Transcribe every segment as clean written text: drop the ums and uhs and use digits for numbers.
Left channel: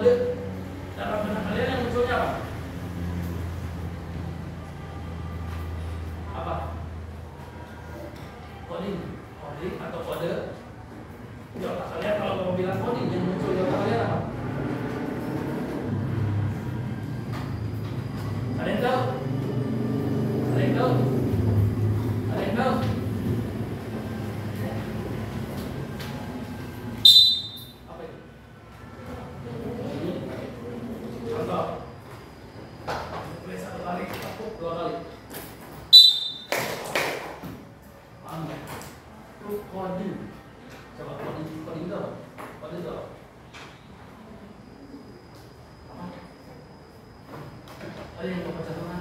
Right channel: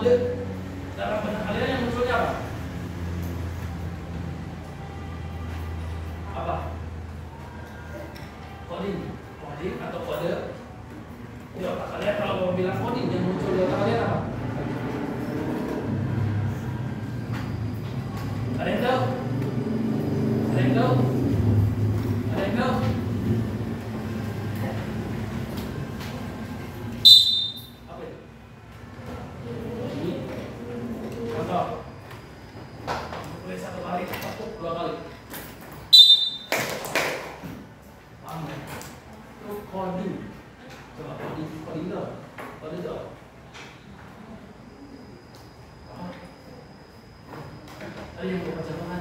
kode dalam benak kalian yang munculnya apa? Apa? Coding atau kode di otak kalian. Kalau mau bilang coding, yang muncul di otak kalian apa? Ada yang tahu? Ada yang tahu? Ada yang tahu? Apa itu? Ini contoh. Boleh 1 kali, tepuk 2 kali. Paham ya? Itu coding. Coba coding tuh. Coding tuh. Ada yang mau baca mana?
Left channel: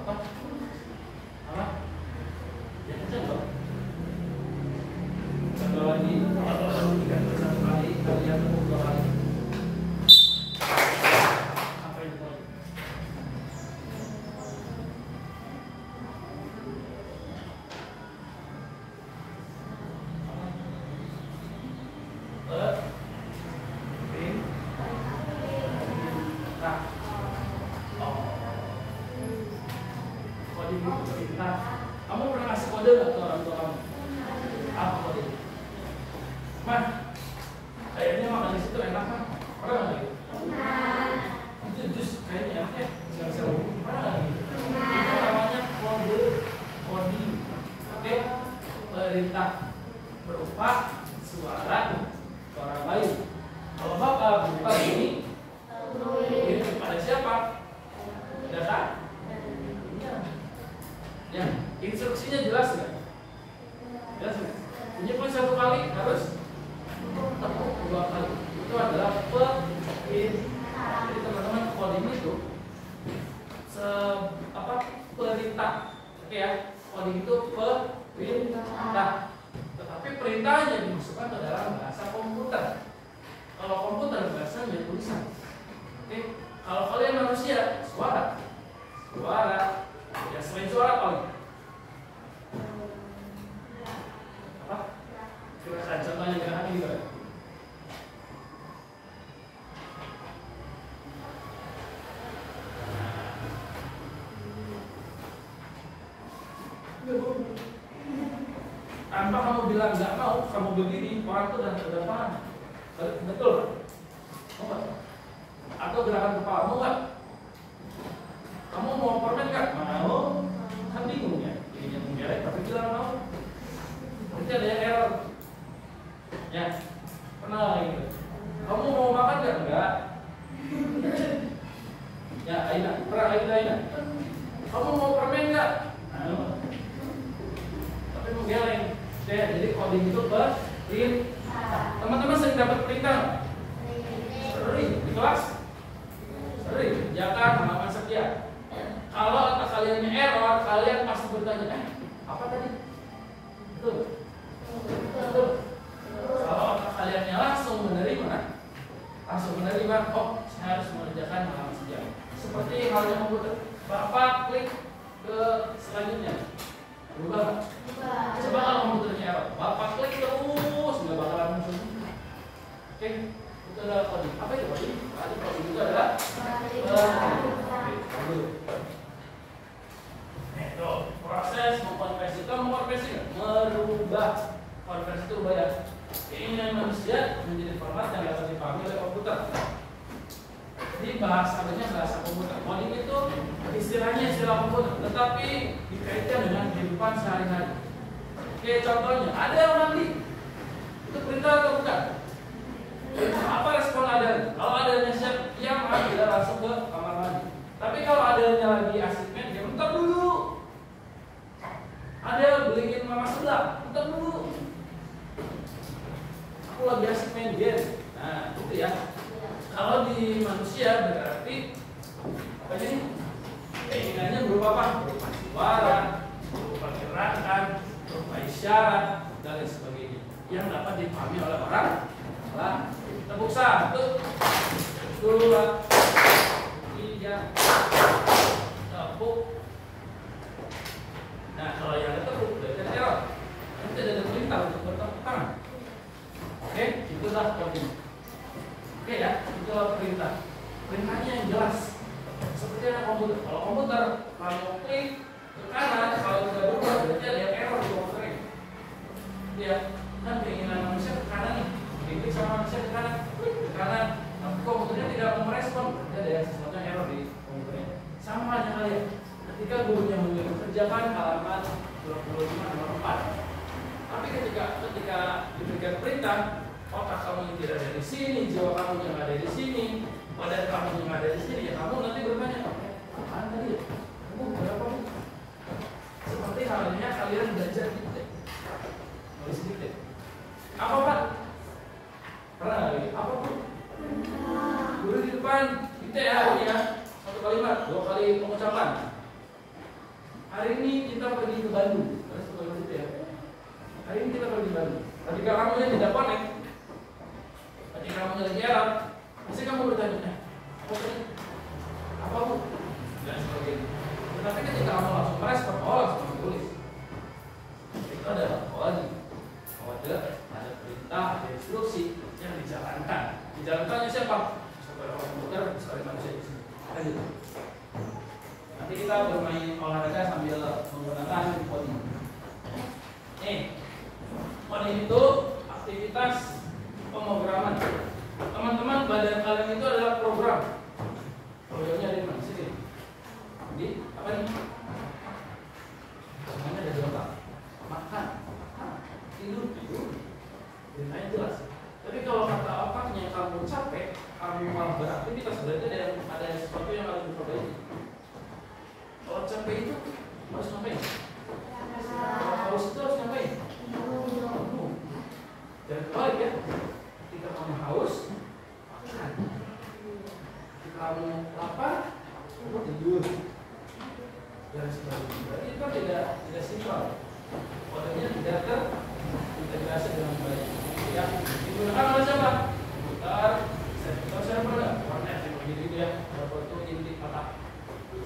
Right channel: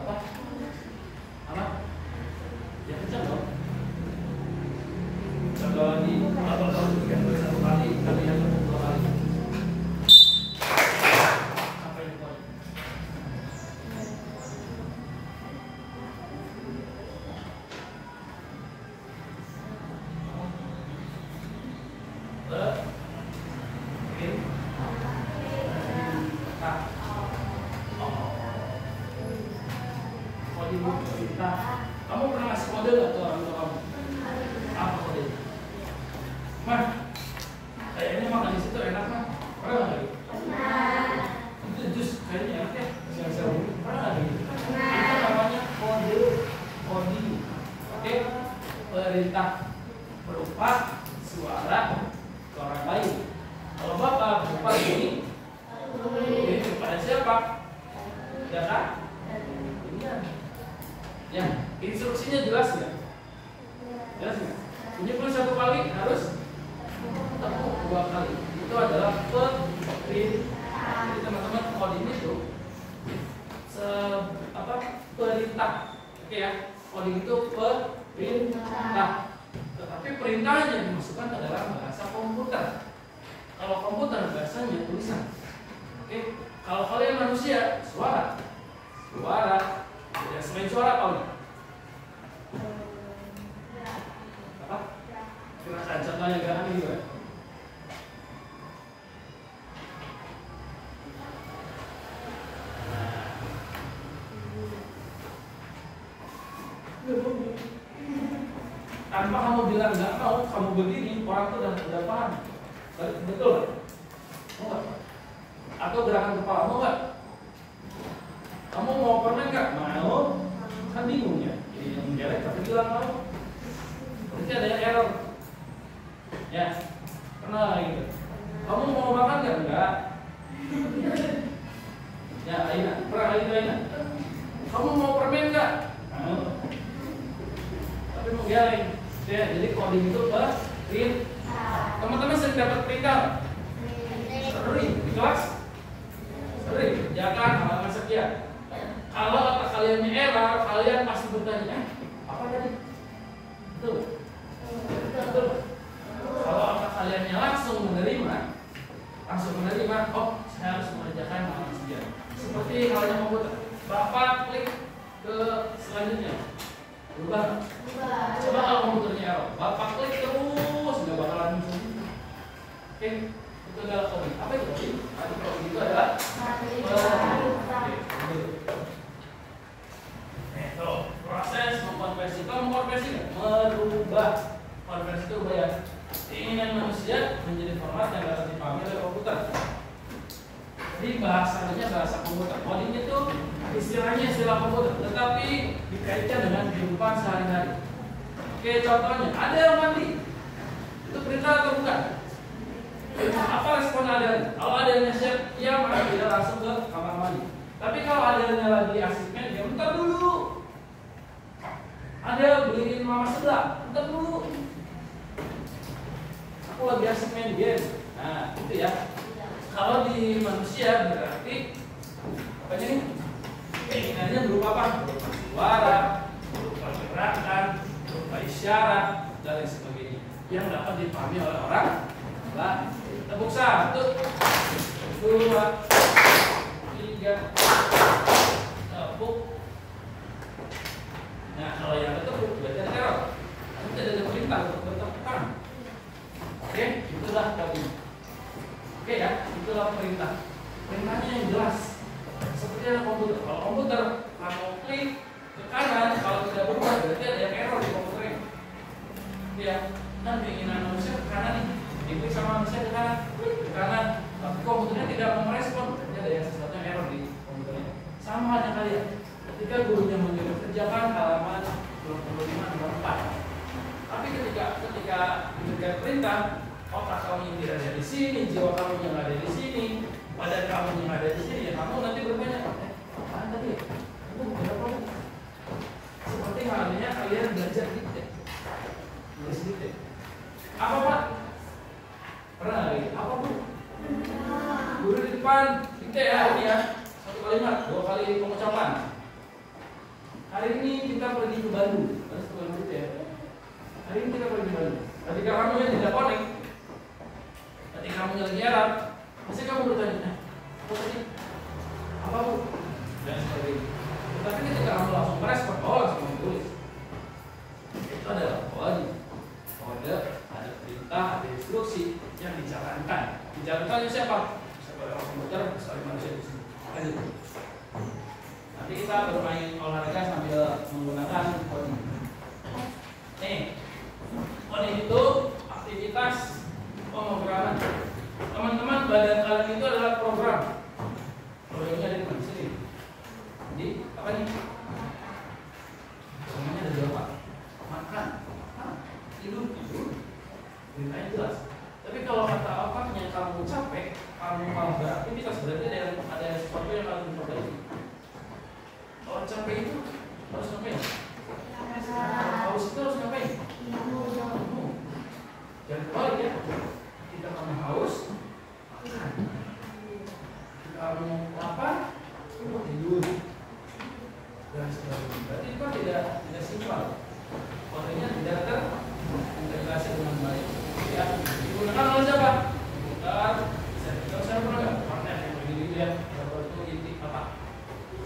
Apa? Apa? Ya kencang dong. Contoh lagi, atau perhatikan 1 kali, kalian tepuk 2 kali. Apa yang coding? Kamu pernah ngasih kode nggak ke orang tua kamu? Apa kode? Man, kayaknya makan di situ enak kan? Pernah nggak? Itu jus kayaknya enak ya? Siang-siang pernah nggak gitu? Itu namanya kode, coding. Oke, perintah berupa suara ke orang lain. Kalau bapak berupa ini kepada siapa? Data? Ya, instruksinya jelas nggak? Jelas nggak? Menyebut 1 kali harus tepuk 2 kali. Itu adalah perintah. Jadi teman-teman, coding itu perintah. Oke ya, coding itu perintah. Tetapi perintahnya dimasukkan ke dalam bahasa komputer. Kalau komputer bahasanya tulisan. Oke, kalau kalian manusia suara. Ya, selain suara apa? Apa? Kira-kira contohnya gerakan gimana? Tanpa kamu bilang nggak mau, kamu begini, orang tuh udah paham. Betul? Mau nggak? Atau gerakan kepala, mau nggak? Kamu mau permen nggak? Mau? Kan bingung ya. Ini yang menjelek tapi bilang mau. Nanti ada yang error. Ya, pernah kayak gitu. Kamu mau makan nggak? Enggak. Ya, Aina, pernah itu Aina. Kamu mau permen nggak? Mau. Tapi mau geleng. Ya, jadi coding itu perintah. Teman-teman sering dapat perintah? Sering di kelas? Sering. Jangan halaman sekian. Kalau kata kaliannya error, kalian pasti bertanya, apa tadi? Betul? Betul. Kalau kata kaliannya langsung menerima, oh saya harus mengerjakan hal sekian. Seperti halnya komputer, Bapak klik ke selanjutnya, berubah. Coba kalau komputernya error, Bapak klik terus nggak bakalan muncul. Oke, itu adalah coding. Apa itu coding? Tadi coding itu adalah proses mengkonversi. Kalau mengkonversi merubah. Konversi itu ubah ya. Keinginan manusia menjadi format yang dapat dipahami oleh komputer. Jadi bahasanya bahasa komputer. Coding itu istilahnya istilah komputer, tetapi dikaitkan dengan kehidupan sehari-hari. Oke, contohnya ada yang mandi. Itu perintah atau bukan? Apa respon ada? Kalau adanya siap, ya mandi, dia langsung ke kamar mandi. Tapi kalau adanya lagi asik main game, bentar dulu. Ada beliin mama sebelah, bentar dulu. Aku lagi asik main game. Nah, itu ya. Kalau di manusia berarti apa nih? Keinginannya berupa apa? Berupa suara, berupa gerakan, berupa isyarat, dan lain sebagainya yang dapat dipahami oleh orang lain. Tepuk 1, 2, 3, tepuk. Nah, kalau yang tepuk berarti ada error. Nanti ada perintah untuk bertepuk tangan. Oke, itu itulah coding. Oke ya, itulah perintah. Perintahnya yang jelas. Seperti ada komputer. Kalau komputer kamu klik ke kanan, kalau tidak berubah berarti ada error di komputernya. Ya, kan keinginan manusia ke kanan nih. Diklik sama manusia ke kanan, ke kanan. Tapi komputernya tidak merespon, berarti ada yang sesuatu yang error di komputernya. Sama halnya kalian. Ketika gurunya menyuruh kerjakan halaman 25 nomor 4. Tapi ketika diberikan perintah, otak kamu yang tidak ada di sini, jiwa kamu yang ada di sini, badan kamu yang ada di sini, ya kamu nanti bertanya, apaan tadi ya? Kamu berapa? Seperti halnya kalian belajar dikte, nulis dikte. Apa Pak? Pernah lagi? Apa Bu? Guru di depan dikte ya, ini ya. 1 kalimat, 2 kali pengucapan. Hari ini kita pergi ke Bandung. Terus ke Bandung itu ya. Hari ini kita pergi ke Bandung. Ketika kamu yang tidak connect, ketika kamu lagi error, pasti kamu bertanya, apa sih? Apa Bu? Dan sebagainya. Tetapi ketika kamu langsung merespon, langsung menulis. Itu adalah kode. Kode, ada perintah, ada instruksi yang dijalankan. Dijalankannya siapa? Bisa orang komputer, bisa manusia di sini. Lanjut. Nanti kita bermain olahraga sambil menggunakan coding. Nih, coding itu aktivitas pemrograman. Teman-teman, badan kalian itu adalah program. Programnya ada di mana? Sini. Jadi apa nih? Semuanya ada di otak. Makan, tidur. Perintahnya jelas. Tapi kalau kata otaknya kamu capek, kamu malah beraktivitas, berarti ada sesuatu yang harus diperbaiki. Kalau capek itu harus ngapain? Haus itu harus ngapain? Jangan kebalik ya. Ketika kamu haus, makan. Ketika kamu lapar, tidur. Dan sebagainya. Berarti itu tidak simpel. Kodenya tidak terintegrasi dengan baik. Ya, digunakan oleh siapa? Komputer. Saya pernah nggak? Warnet yang begitu ya. Robot itu inti apa?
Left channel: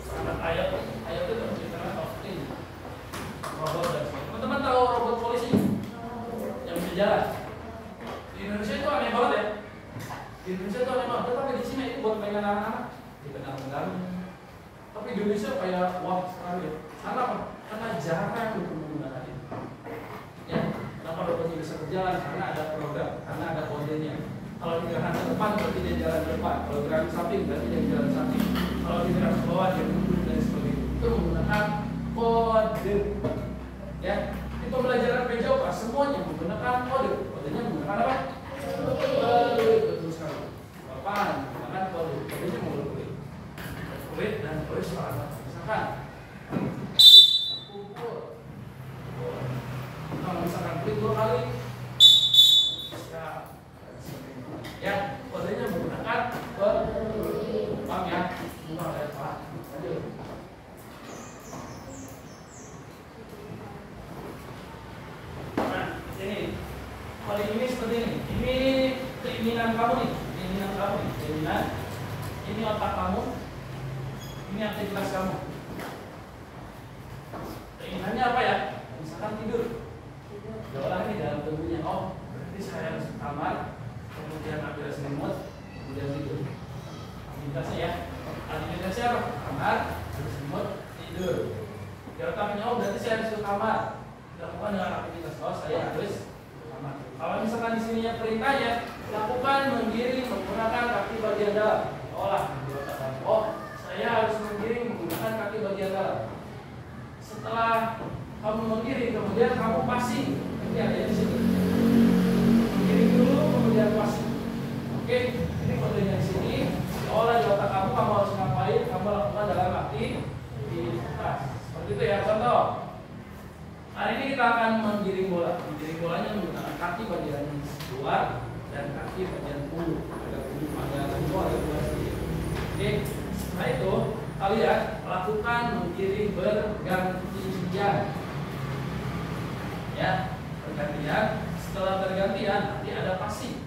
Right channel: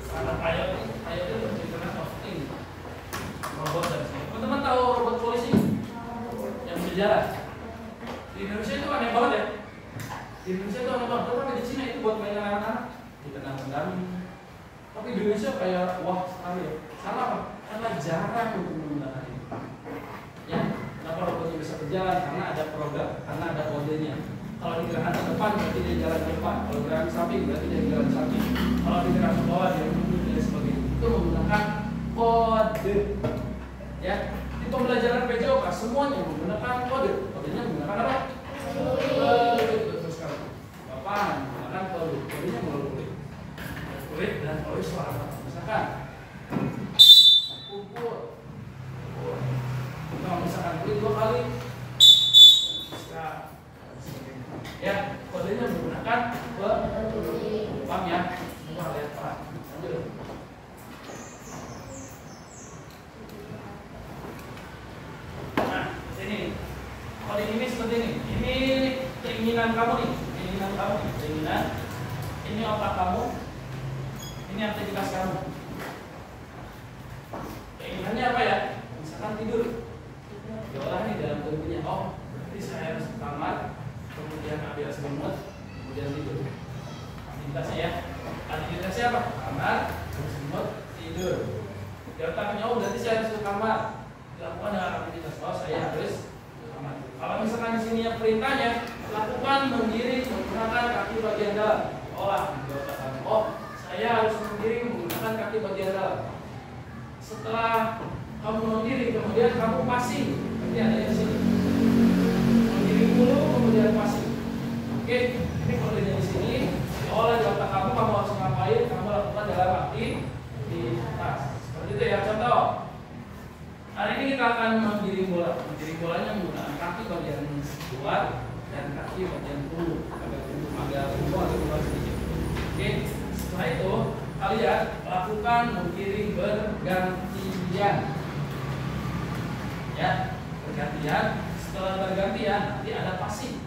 Standar IoT itu Internet of Things. Robot dan sebagainya. Teman-teman tahu robot polisi yang bisa jalan? Di Indonesia itu aneh banget ya. Di Indonesia itu aneh banget. Tapi di Cina itu buat mainan anak-anak. Dikenal-kenal. Tapi di Indonesia kayak wah sekali ya. Karena apa? Karena jarang untuk menggunakan ini. Ya, kenapa robotnya bisa berjalan? Karena ada program, karena ada kodenya. Kalau di gerakan ke depan berarti dia jalan ke depan. Kalau gerakan samping berarti dia jalan samping. Kalau di gerakan ke bawah dia menunduk dan sebagainya. Itu menggunakan kode. Ya, di pembelajaran PJOK semuanya menggunakan kode. Kodenya menggunakan apa? Kode. Betul sekali. Bapak menggunakan kode. Kodenya menggunakan kode dan kode suara. Misalkan kumpul. Kalau misalkan klik 2 kali, bisa. Ya, kodenya menggunakan paham ya? Semua ada paham. Lanjut. Nah, ini kode ini seperti ini. Ini keinginan kamu nih, keinginan. Ini otak kamu. Ini aktivitas kamu. Keinginannya apa ya? Misalkan tidur. Diolah nih dalam tubuhnya. Oh, berarti saya harus ke kamar. Kemudian ambil selimut, kemudian tidur. Aktivitasnya ya. Aktivitasnya apa? Kamar, selimut, tidur. Di otaknya, oh berarti saya harus ke kamar. Dilakukan dengan aktivitas. Oh saya harus ke kamar. Kalau misalkan di sini yang perintahnya, lakukan menggiring menggunakan kaki bagian dalam. Olah di otak kamu. Oh saya harus menggiring menggunakan kaki bagian dalam. Setelah kamu menggiring, kemudian kamu passing. Nanti ada di sini. Menggiring dulu, kemudian passing. Oke, ini kodenya di sini. Oleh di otak kamu harus ngapain? Kamu lakukan dalam aktivitas. Seperti itu ya. Contoh. Hari ini kita akan menggiring bola. Menggiring bolanya menggunakan kaki bagian luar dan kaki bagian punggung. Agak keluar sedikit. Oke. Setelah itu kalian lakukan menggiring bergantian. Ya, bergantian. Setelah bergantian nanti ada passing.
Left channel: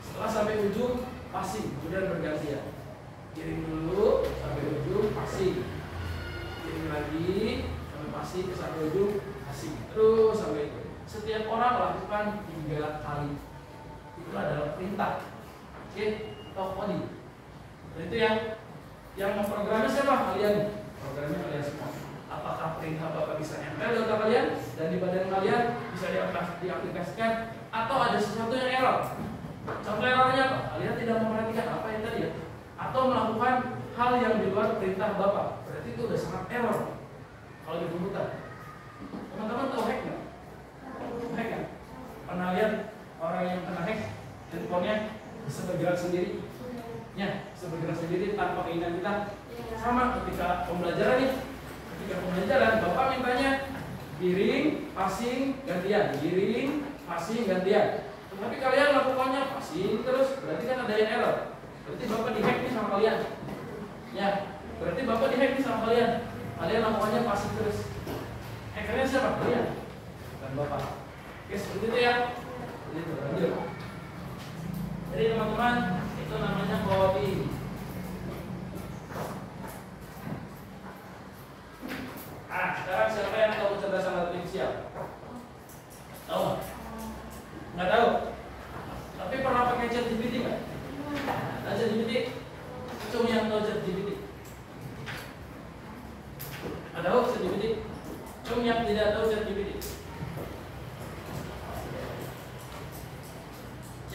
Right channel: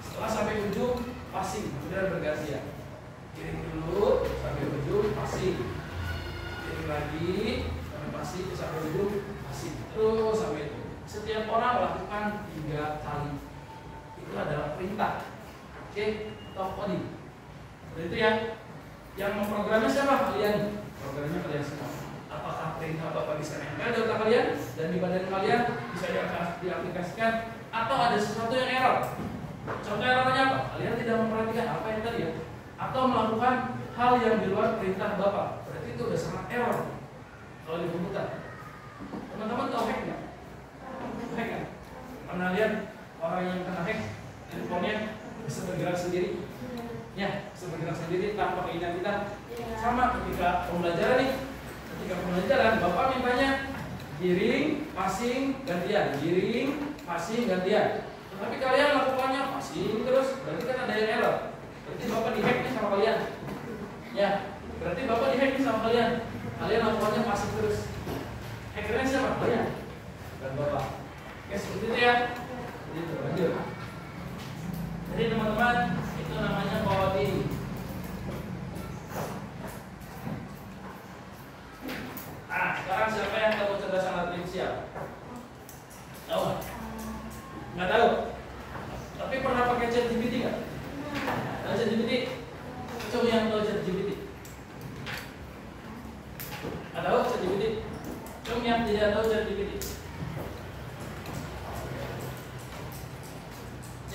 Setelah sampai ujung passing, kemudian bergantian. Giring dulu sampai ujung passing. Giring lagi sampai passing sampai ujung passing. Terus sampai itu. Setiap orang lakukan 3 kali. Itu adalah perintah. Oke, atau coding. Itu yang memprogramnya siapa? Kalian. Programnya kalian semua. Apakah perintah Bapak bisa nempel di otak kalian dan di badan kalian bisa diaplikasikan, atau ada sesuatu yang error? Contoh errornya apa? Kalian tidak memperhatikan apa yang tadi ya, atau melakukan hal yang di luar perintah Bapak. Berarti itu udah sangat error kalau di komputer. Teman-teman tahu hack nggak? Hack kan? Pernah lihat orang yang kena hack handphonenya bisa bergerak sendiri? Ya, bisa bergerak sendiri tanpa keinginan kita. Sama ketika pembelajaran nih. Ketika pembelajaran, Bapak mintanya giring, passing, gantian, giring, passing, gantian. Tetapi kalian lakukannya passing terus, berarti kan ada yang error. Berarti Bapak dihack nih sama kalian. Ya, berarti Bapak dihack nih sama kalian. Kalian lakukannya passing terus. Hackernya siapa? Kalian, bukan Bapak. Oke, seperti itu ya. Jadi itu lanjut. Jadi teman-teman, itu namanya coding. Nah, sekarang siapa yang tahu kecerdasan artifisial? Tahu nggak? Nggak tahu. Tapi pernah pakai ChatGPT nggak? Tahu ChatGPT? Cuma yang tahu ChatGPT. Nggak tahu ChatGPT? Cuma yang tidak tahu ChatGPT.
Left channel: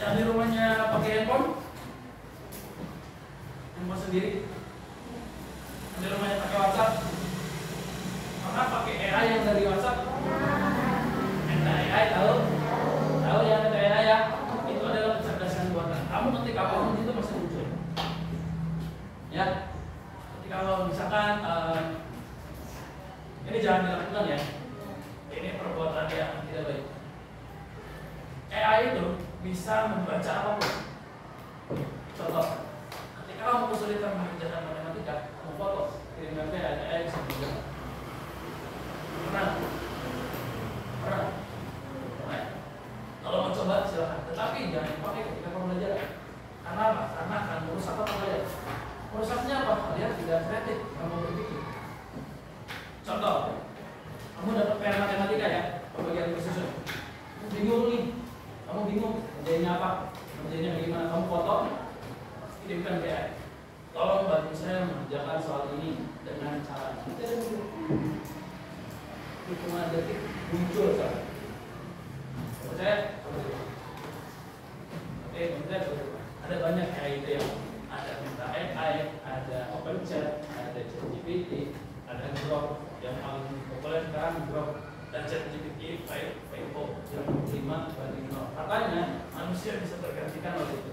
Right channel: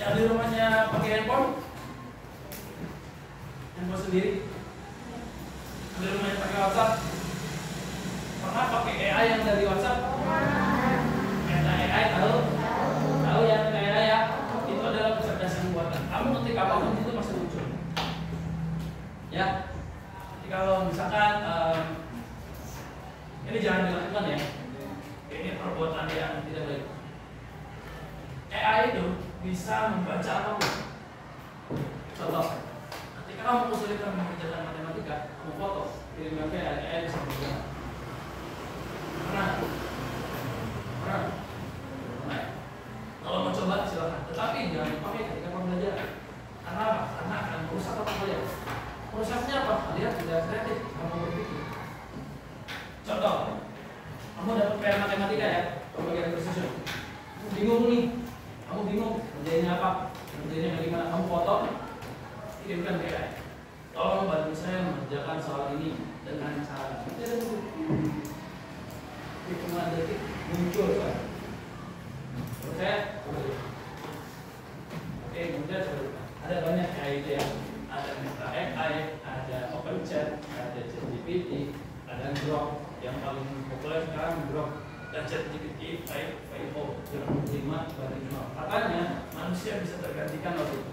Yang di rumahnya pakai handphone? Handphone sendiri? Yang di rumahnya pakai WhatsApp? Pernah pakai AI yang dari WhatsApp? Meta AI tahu? Tahu ya Meta AI ya? Itu adalah kecerdasan buatan. Kamu ketik apapun itu pasti muncul. Ya, ketika kalau misalkan ini jangan dilakukan ya. Ini perbuatan yang tidak baik. AI itu bisa membaca apapun. Contoh, ketika kamu kesulitan mengerjakan matematika, kamu foto, kirimkan ke AI bisa berubah. Pernah? Kalau mau coba silakan. Tetapi jangan dipakai ketika pembelajaran. Karena apa? Karena akan merusak apa kalian. Merusaknya apa? Kalian tidak kreatif, kamu berpikir. Contoh, kamu dapat PR matematika ya, pembagian precision. Kamu bingung nih, kamu bingung kerjainnya apa, kerjainnya bagaimana? Kamu foto, kirimkan ke AI. Tolong bantu saya mengerjakan soal ini dengan cara hitungan detik muncul soal. Saya oke, kemudian ada banyak kayak itu ya. Ada Meta AI, ada OpenChat, ada ChatGPT, ada Grok yang paling populer sekarang Grok, dan ChatGPT 5.0 yang 5 banding 0. Katanya manusia bisa tergantikan oleh itu.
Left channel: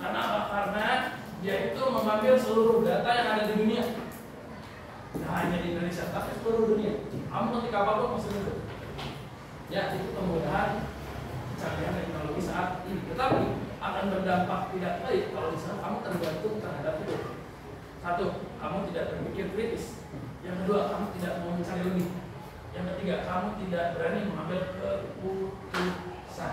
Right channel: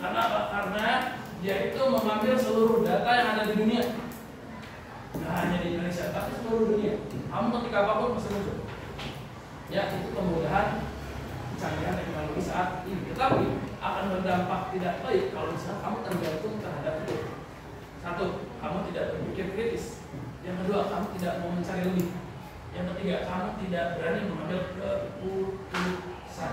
Karena apa? Karena dia itu mengambil seluruh data yang ada di dunia. Nah, hanya di Indonesia, tapi seluruh dunia. Kamu ketika apapun masih muncul. Ya, itu kemudahan kecanggihan teknologi saat ini. Tetapi akan berdampak tidak baik kalau misalnya kamu tergantung terhadap itu. Satu, kamu tidak berpikir kritis. Yang kedua, kamu tidak mau mencari lebih. Yang ketiga, kamu tidak berani mengambil keputusan.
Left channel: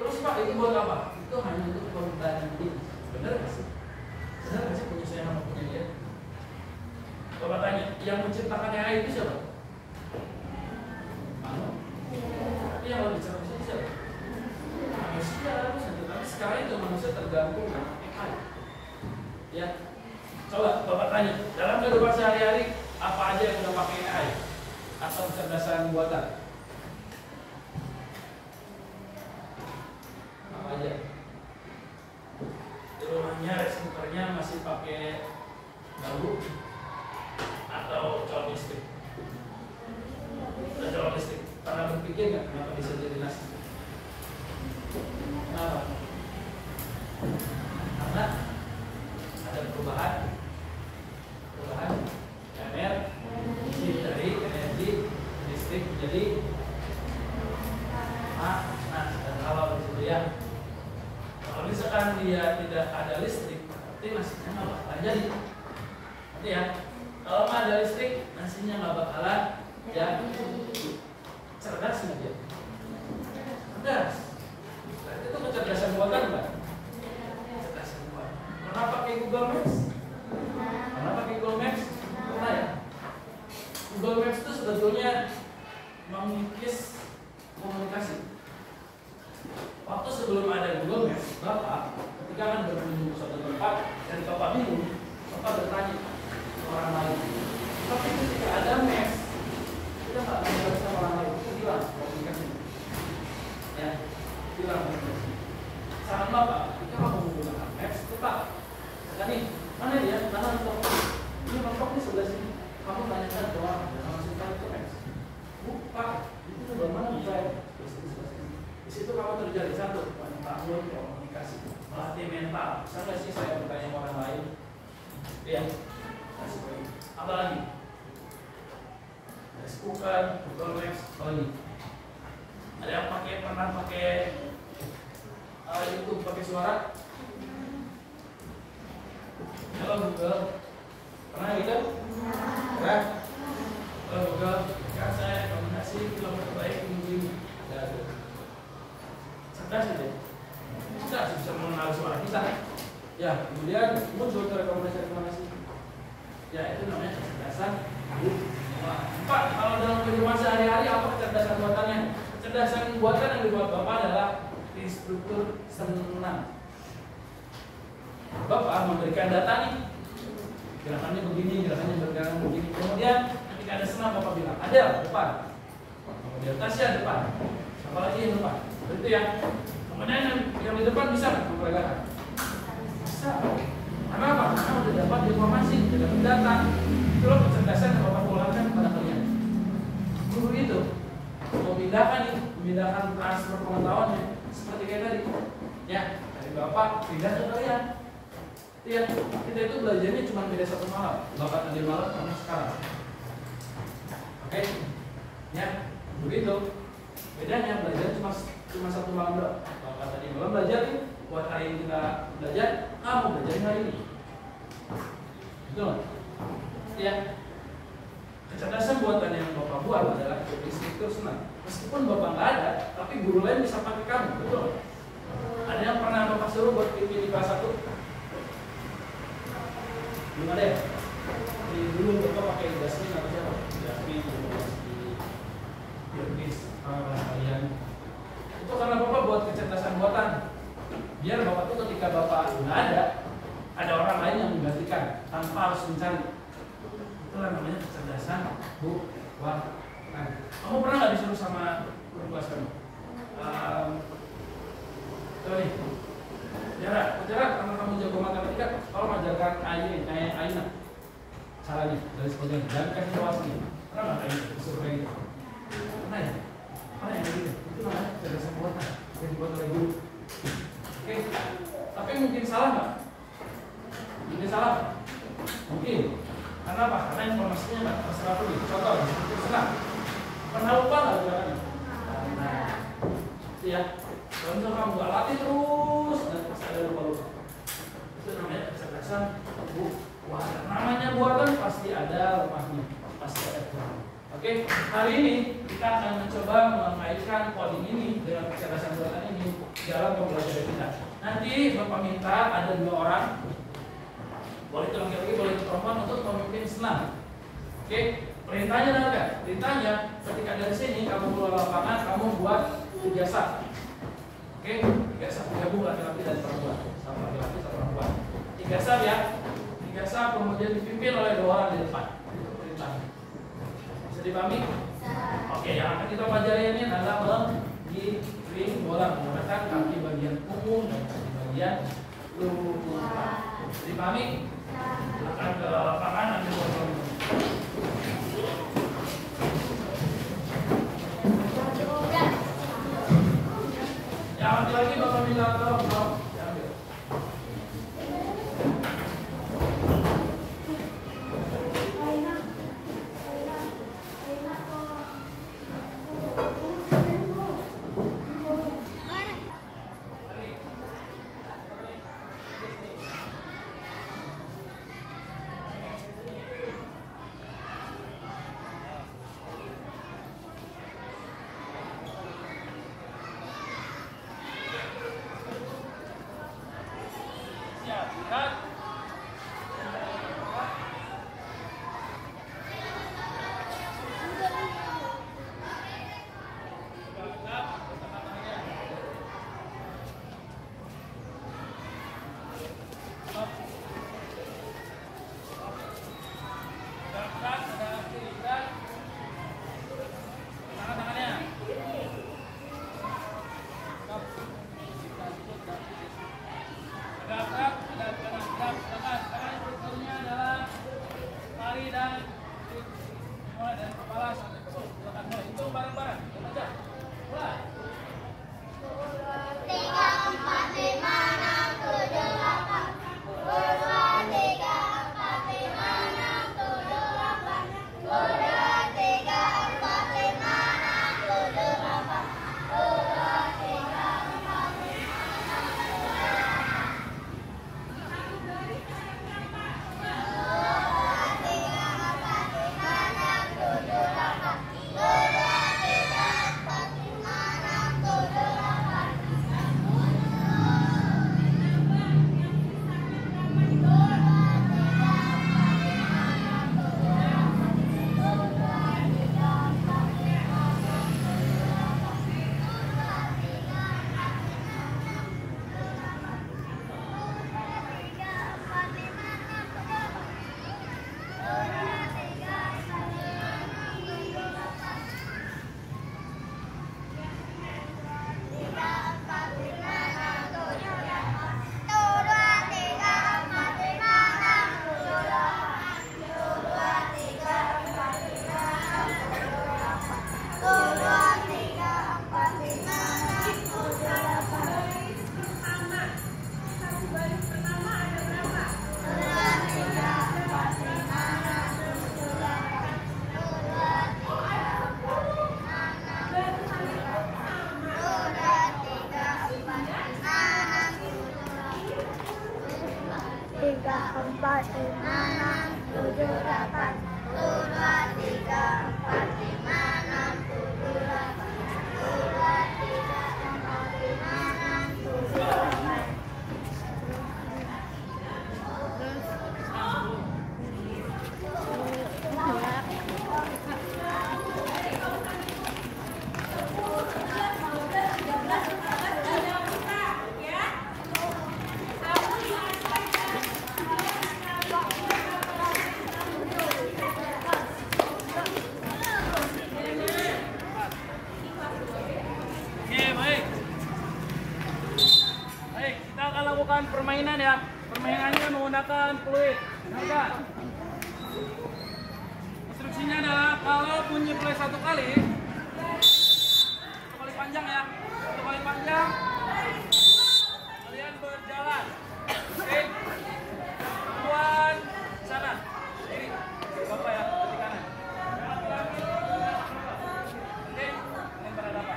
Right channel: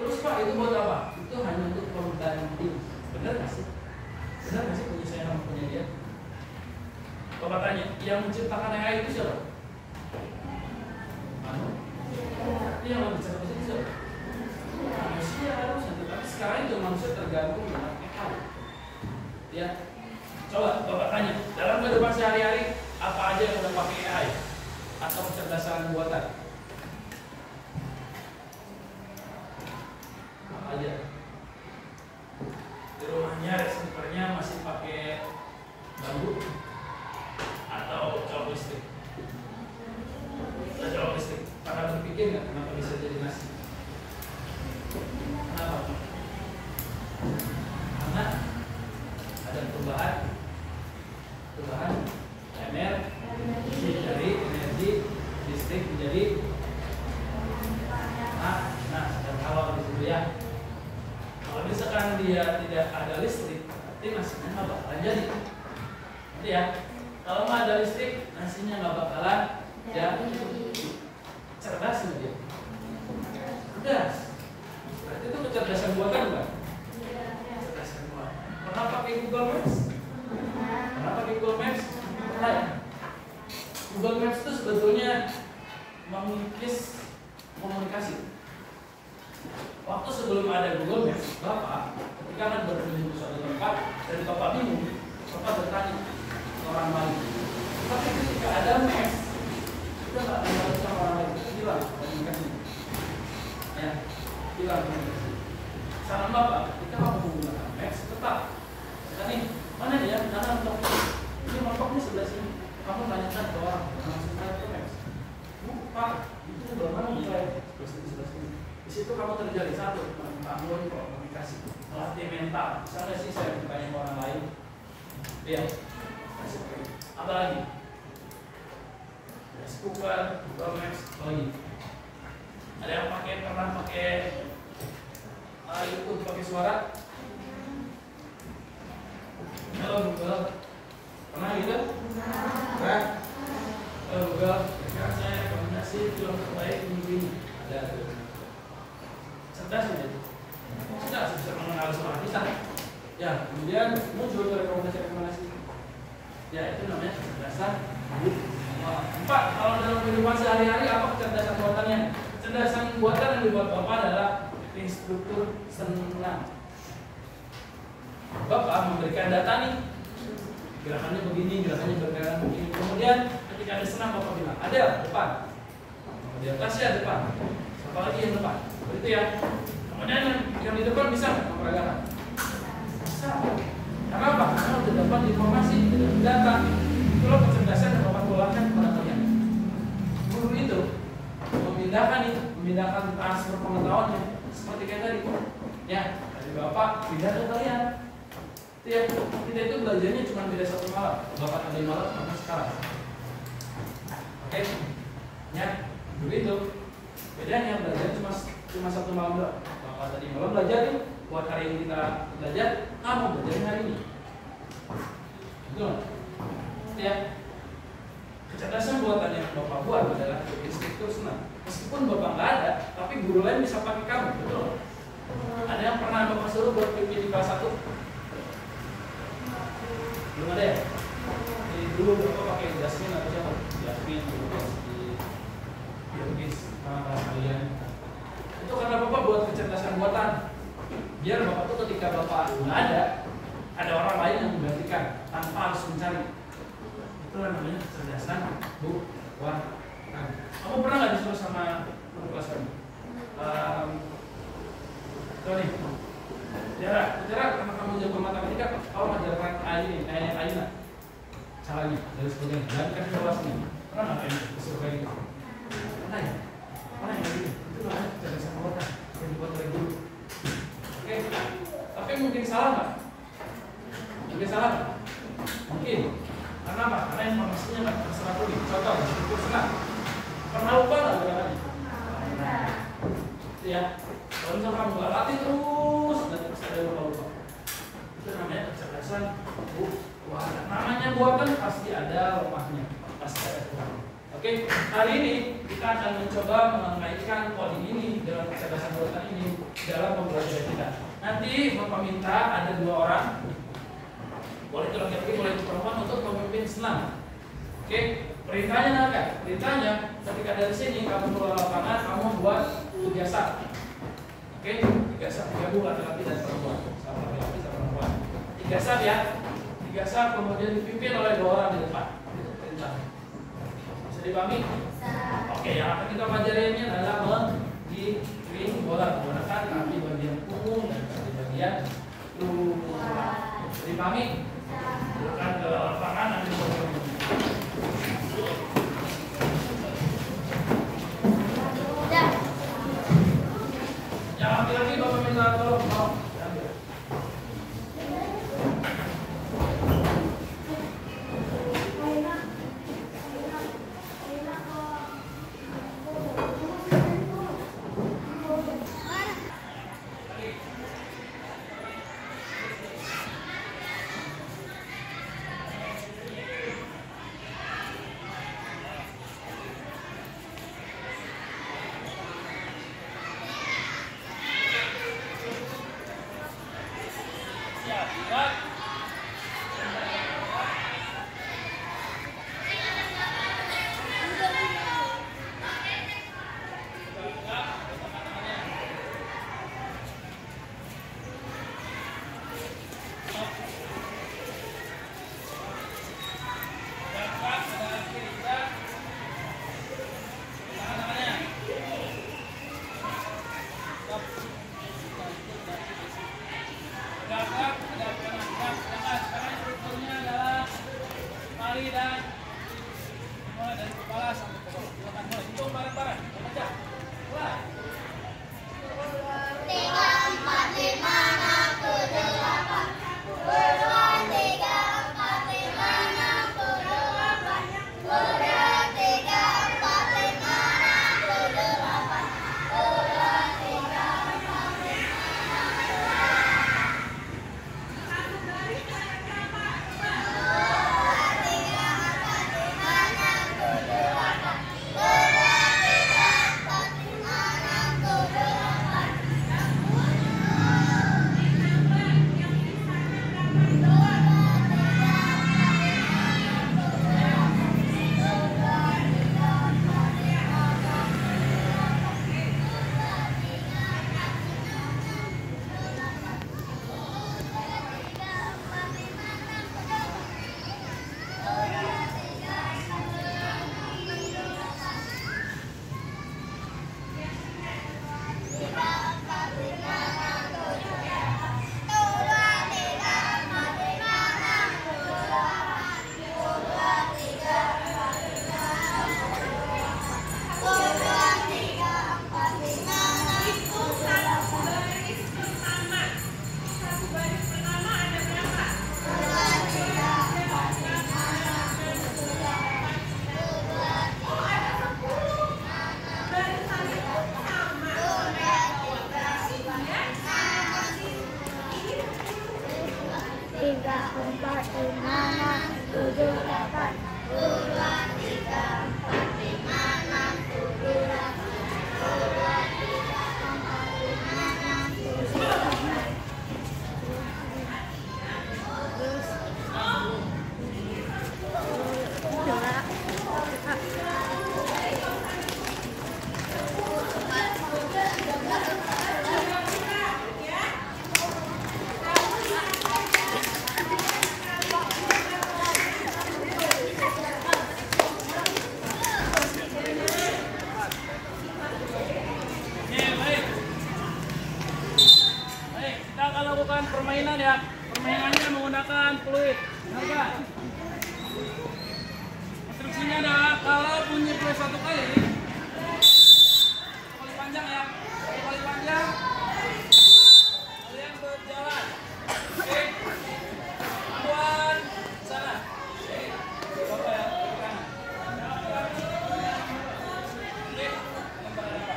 Terus Pak, itu buat apa? Itu hanya untuk pembanding. Benar nggak sih? Benar nggak sih punya saya sama punya dia? Bapak tanya, yang menciptakan AI itu siapa? Tapi yang lebih cepat itu siapa? Manusia harusnya, tetapi sekarang itu manusia tergantung dengan AI. Ya, coba Bapak tanya, dalam kehidupan sehari-hari apa aja yang udah pakai AI atau kecerdasan buatan? Apa aja? Di rumahnya receivernya masih pakai bambu atau colok listrik? Ada colok listrik. Pernah berpikir nggak kenapa bisa jadi nasi? Kenapa? Karena ada perubahan energi dari energi listrik menjadi dan kalau disitu ya. Kalau misalkan dia tidak ada listrik, berarti nasinya nggak bakalan jadi. Nanti ya, kalau nggak ada listrik, nasinya nggak bakalan jadi. Cerdas nggak dia? Cerdas. Berarti itu kecerdasan buatan bukan? Kecerdasan buatan. Pernah pakai Google Maps? Pernah pakai Google Maps? Pernah ya? Google Maps itu sebetulnya mengikis komunikasi. waktu sebelum ada Google Maps, Bapak ketika kan berkunjung ke suatu tempat dan Bapak bingung, Bapak bertanya ke orang lain. Tapi ketika ada Maps, kita nggak tanya sama orang lain, itu hilang komunikasi. Ya, hilang komunikasi. Saran Bapak, ketika kamu menggunakan Maps, tetap. Nah nih, mana dia? Mana mentok? Ini mentok nih sebelah sini. Kamu tanyakan ke orang, jangan langsung tanya ke Maps. Pak, itu sebelah mana mulai? Di situ kamu terjadi satu, membangun komunikasi, melatih mental. Bisa nggak sih saya bertanya ke orang lain? Iya. Apa lagi? Cooker, Google Maps, apa lagi? Ada yang pernah pakai YouTube pakai suara? Halo Google, pernah gitu? Pernah? Halo Google, sekarang saya rekomendasi film terbaik minggu ini. Ada tuh. Cerdas itu. Cerdas bisa mengenal suara kita. Ya, kemudian muncul rekomendasi. Ya, itu namanya kecerdasan. 4. Kalau dalam kehidupan sehari-hari apa kecerdasan buatannya? Kecerdasan buatan yang dibuat Bapak adalah instruktur senam. Bapak memberikan data nih, gerakannya begini, gerakannya bergerak begini. Kemudian ketika ada senam Bapak bilang, ada depan. Kemudian Tasya depan. Siapa lagi yang depan? Begitu ya. Kemudian yang di depan bisa memperagakan. Bisa. Karena apa? Karena udah dapat informasi, udah dapat data. Itulah kecerdasan yang Bapak keluarkan kepada kalian. Guru itu memindahkan transfer pengetahuannya seperti kayak tadi. Ya, dari Bapak pindah ke kalian. Ya, kita itu belajarnya cuma beda 1 malam. Bapak tadi malam sama sekarang. Oke? Ya, begitu. Bedanya belajar cuma 1 malam doang. Bapak tadi malam belajar nih, buat hari ini kita belajar, kamu belajarin hari ini. Betul? Ya. Kecerdasan buatan yang Bapak buat adalah instruktur senam. Meskipun Bapak nggak ada, tapi guru lain bisa pakai kamu, betul? Ada yang pernah Bapak suruh buat pimpin di kelas 1? Belum ada ya? Dulu Bapak pakai Jasmine atau siapa? Jasmine, Biogis, kalian. Itu karena Bapak buat kecerdasan buatan. Biar Bapak tuh ketika Bapak nggak ada orang lain yang menggantikan tanpa harus mencari. Itulah namanya kecerdasan buatan. Kamu pernah nggak disuruh sama guru kelas kamu? Coba nih, Jarak karena kamu jago matematika, kalau mengajarkan Aina caranya dan sebagainya, dan kasih tahu sini. Pernah nggak kayak gitu? Disuruh kayak gitu? Mana ya? Mana yang gitu? Itu namanya kecerdasan buatan yang dibuat oleh guru. Oke, tapi mungkin salah nggak? Mungkin salah nggak? Mungkin. Karena apa? Karena informasinya nggak terserah dulu. Contoh, instruktur senam. Pernah lupa nggak gerakannya? Nah, itu ya. Kalau misalnya kamu nggak latih terus, dan pasti ada lupa. Itu namanya kecerdasan buatan. Namanya buatan pasti ada lepasnya, pasti ada kurang. Oke, hari ini kita akan mencoba mengaitkan coding ini dengan kecerdasan buatan ini dalam pembelajaran kita. Nanti Bapak minta ada 2 orang, boleh itu laki-laki, boleh itu perempuan, untuk memimpin senam. Oke, perintahnya nanti. Perintahnya ketika dari sini kamu keluar lapangan, kamu buat 3 sub. Oke, 3 sub, gabung laki-laki dan perempuan, sama laki-laki sama perempuan. 3 sub ya, 3 sub kemudian dipimpin oleh 2 orang di depan. Itu perintahnya. Bisa dipahami? Oke, yang akan kita pelajari adalah menggiring bola menggunakan kaki bagian punggung dan kaki bagian luar. Bisa dipahami? Silakan ke lapangan ambil bola. Lagi Bapak minta tolong diambil. 3, 4, 5, 6, 7, 8. 1, 2, 3, 4, 5, 6, 7, 8. 1, 2, 3, 4, 5, 6, 7, 8. Lakukan permainan ya. Permainannya menggunakan fluid. Benar nggak? Instruksinya adalah kalau bunyi fluid satu kali panjang ya. Satu kali panjang. Kalian berjalan. Oke. Tuan sana. Ini Bapak ya, ke kanan. Oke. Lempar apa?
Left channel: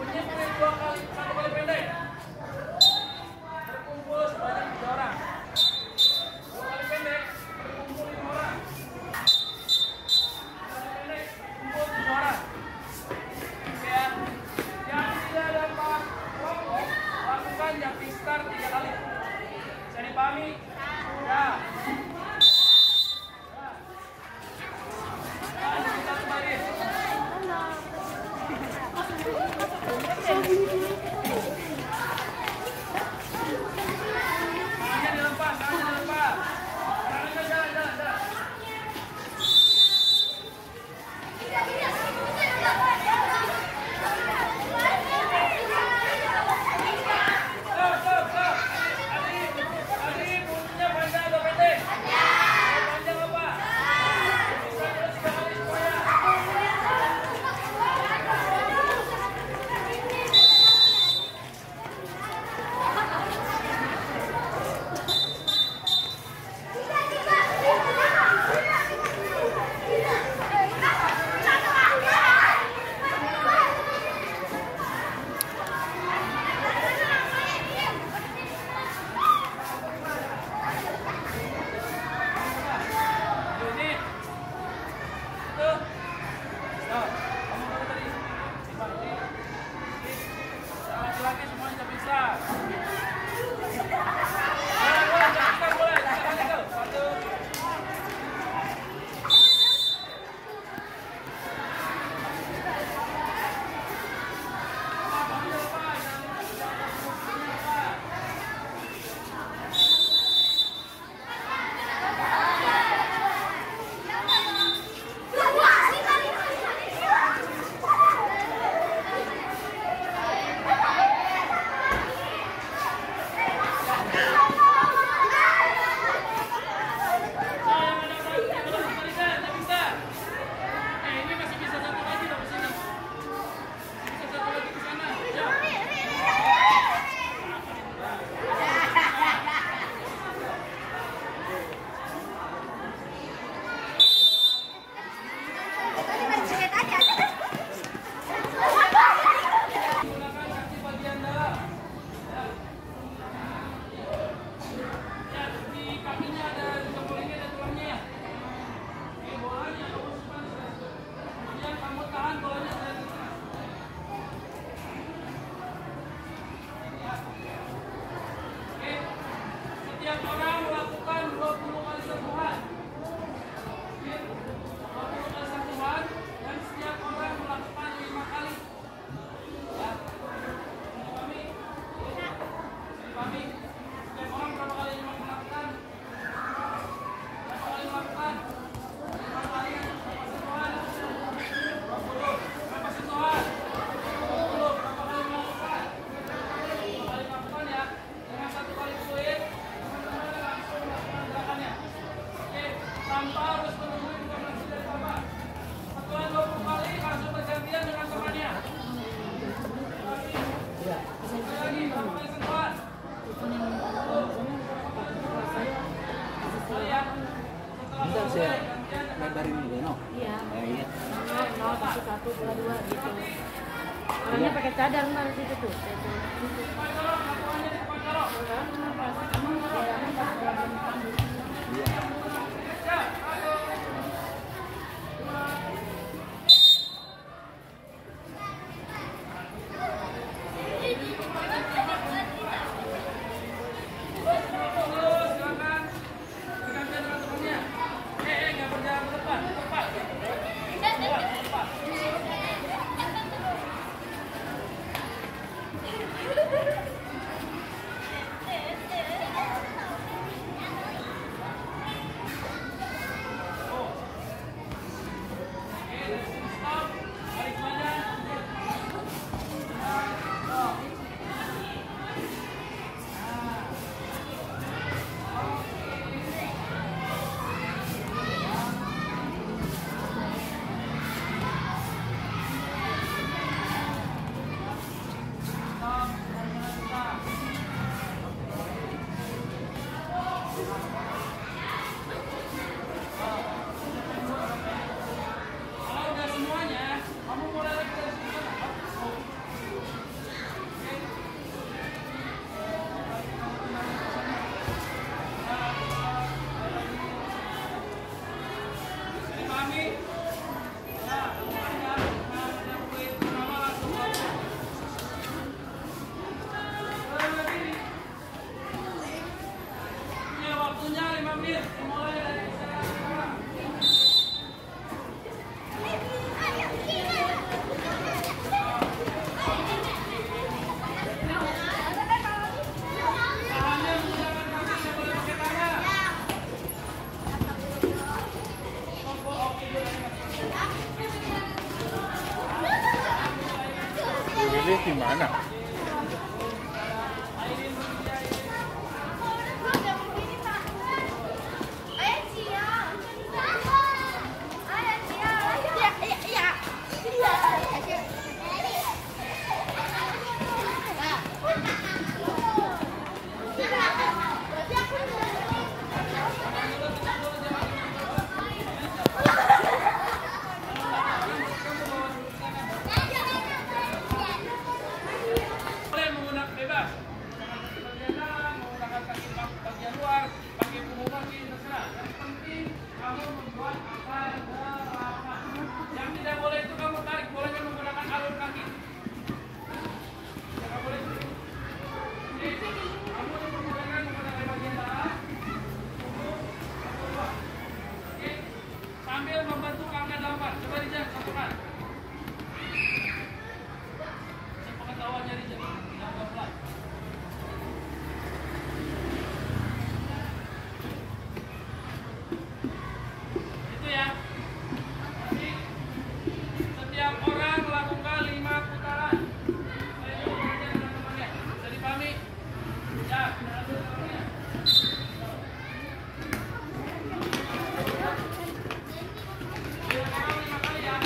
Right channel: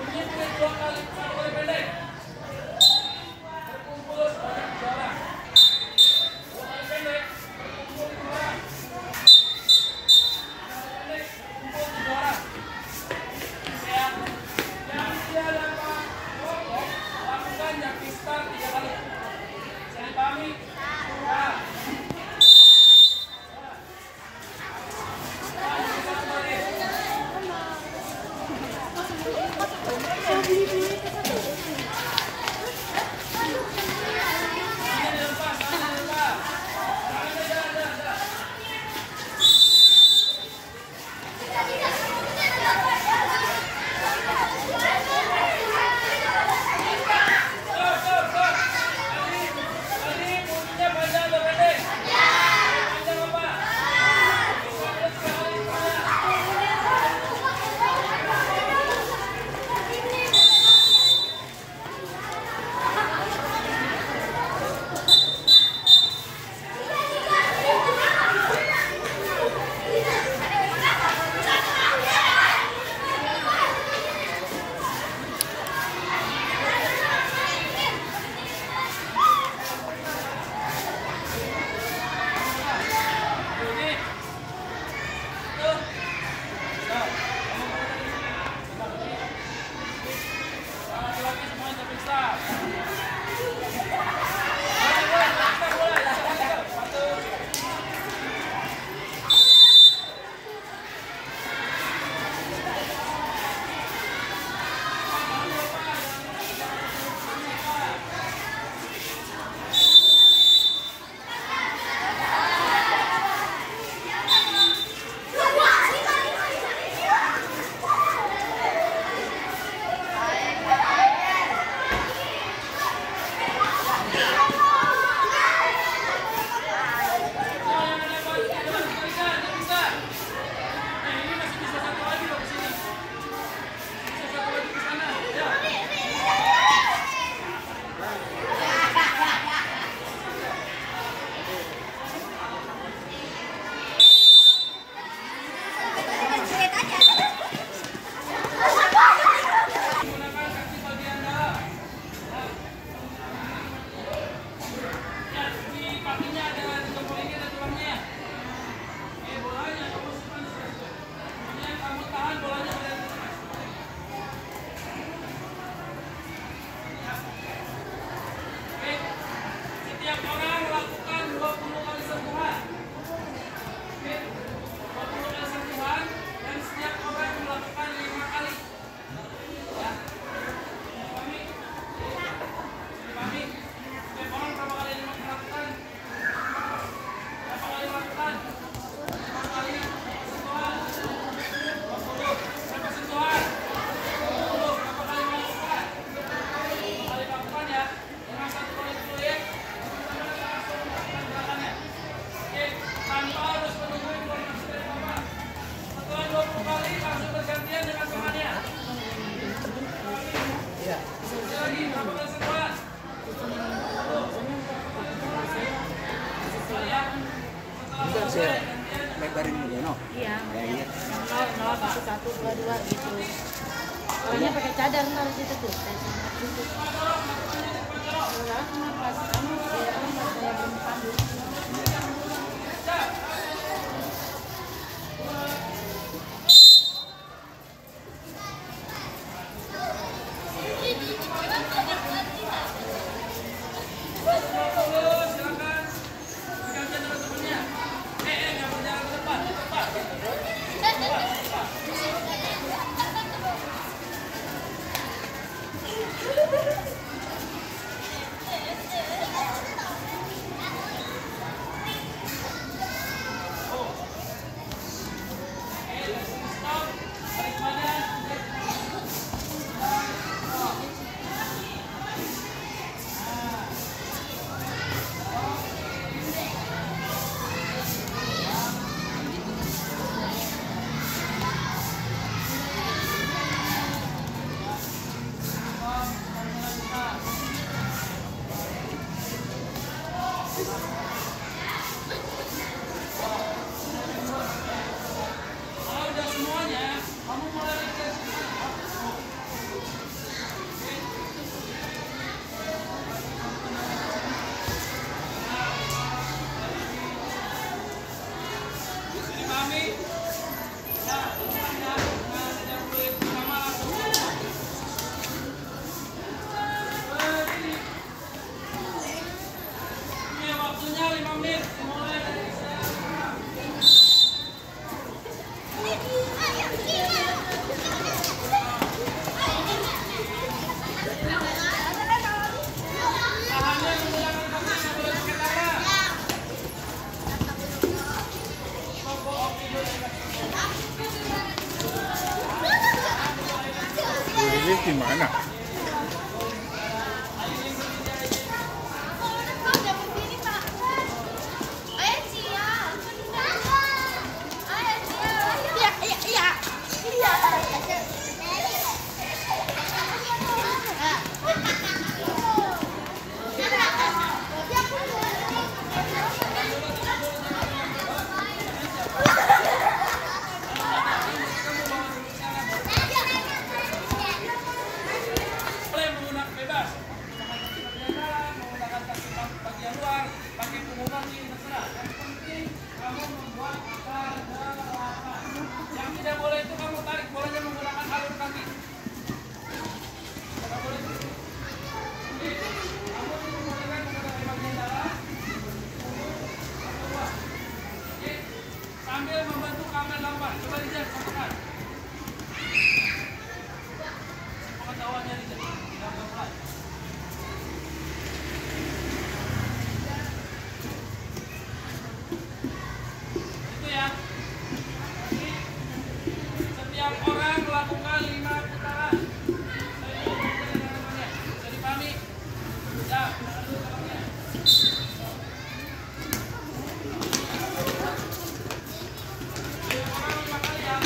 Bunyi fluid 2 kali, 1 kali pendek. Sebanyak 3 orang. 2 kali pendek berkumpul 5 orang. 2 kali pendek berkumpul 3 orang. Oke ya. Yang tidak dapat kelompok lakukan jumping start 3 kali. Bisa dipahami? Ya. Lebarin juga, no? Iya. Iya. Satu, dua, gitu. Orangnya pakai cadar di situ tuh. Mana? Yang tidak boleh itu kamu tarik bolanya menggunakan alur kaki. Tidak boleh. Oke, kamu diperbolehkan menggunakan bagian dalam, atau luar. Oke, sambil membantu kamera lambat. Coba Rizal sampaikan. Pengetahuannya Rizal, yang pelan. Setiap orang melakukan 5 putaran. Saya dulu dengan teman-temannya. Bisa dipahami? Ya, kita adu jalannya. Setiap orang 5 kali ya.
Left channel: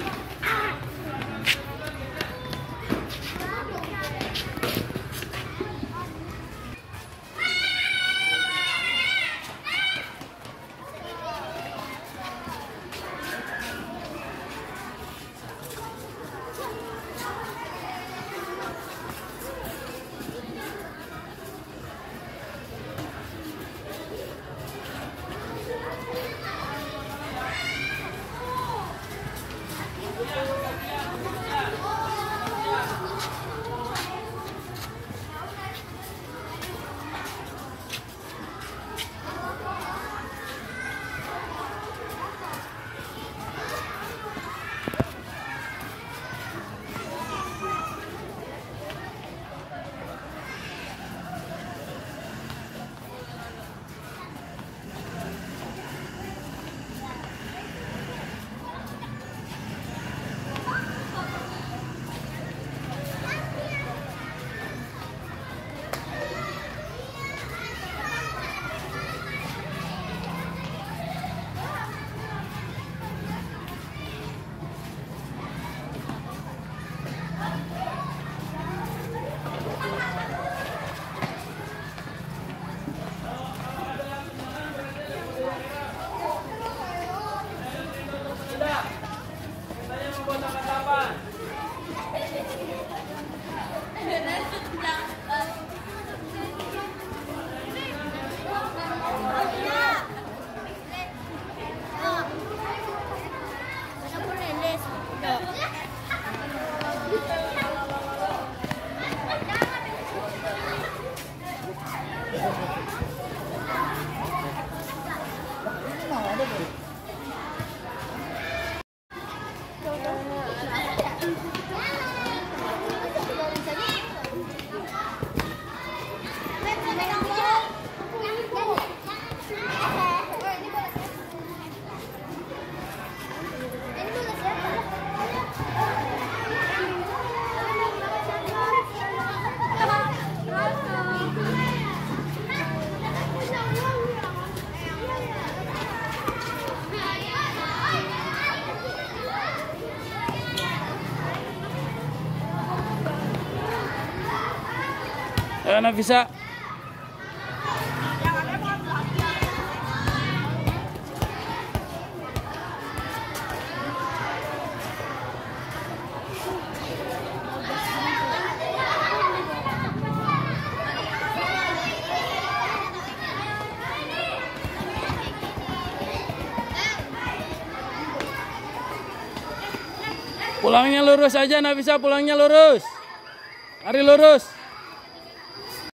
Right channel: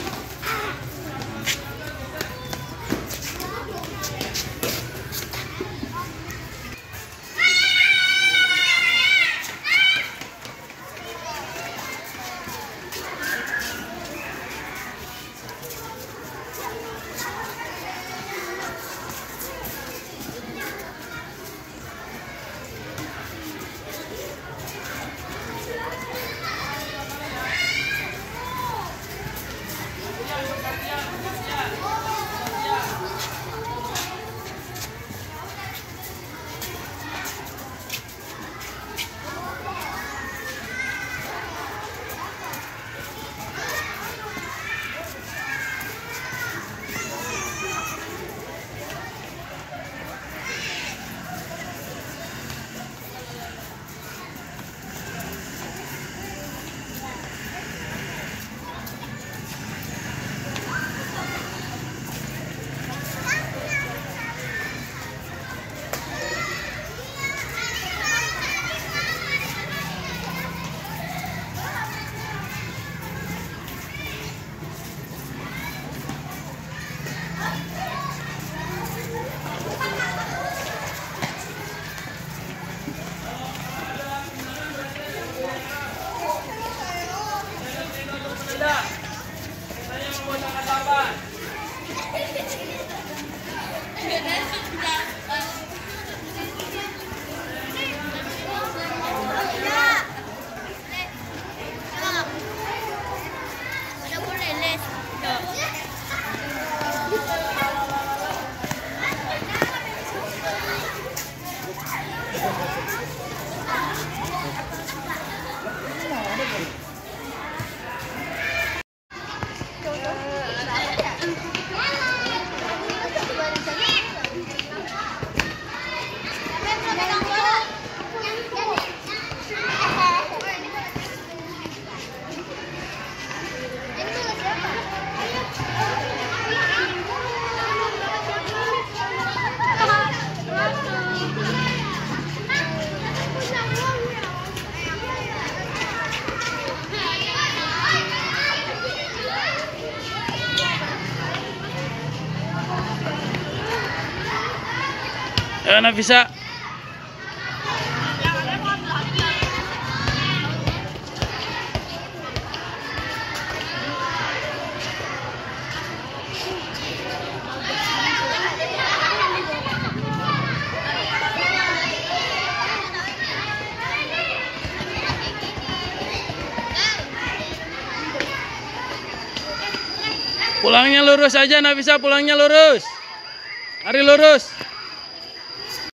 Saya menggunakan tapan. Nafisa. Pulangnya lurus aja, Nafisa, pulangnya lurus. Ari lurus.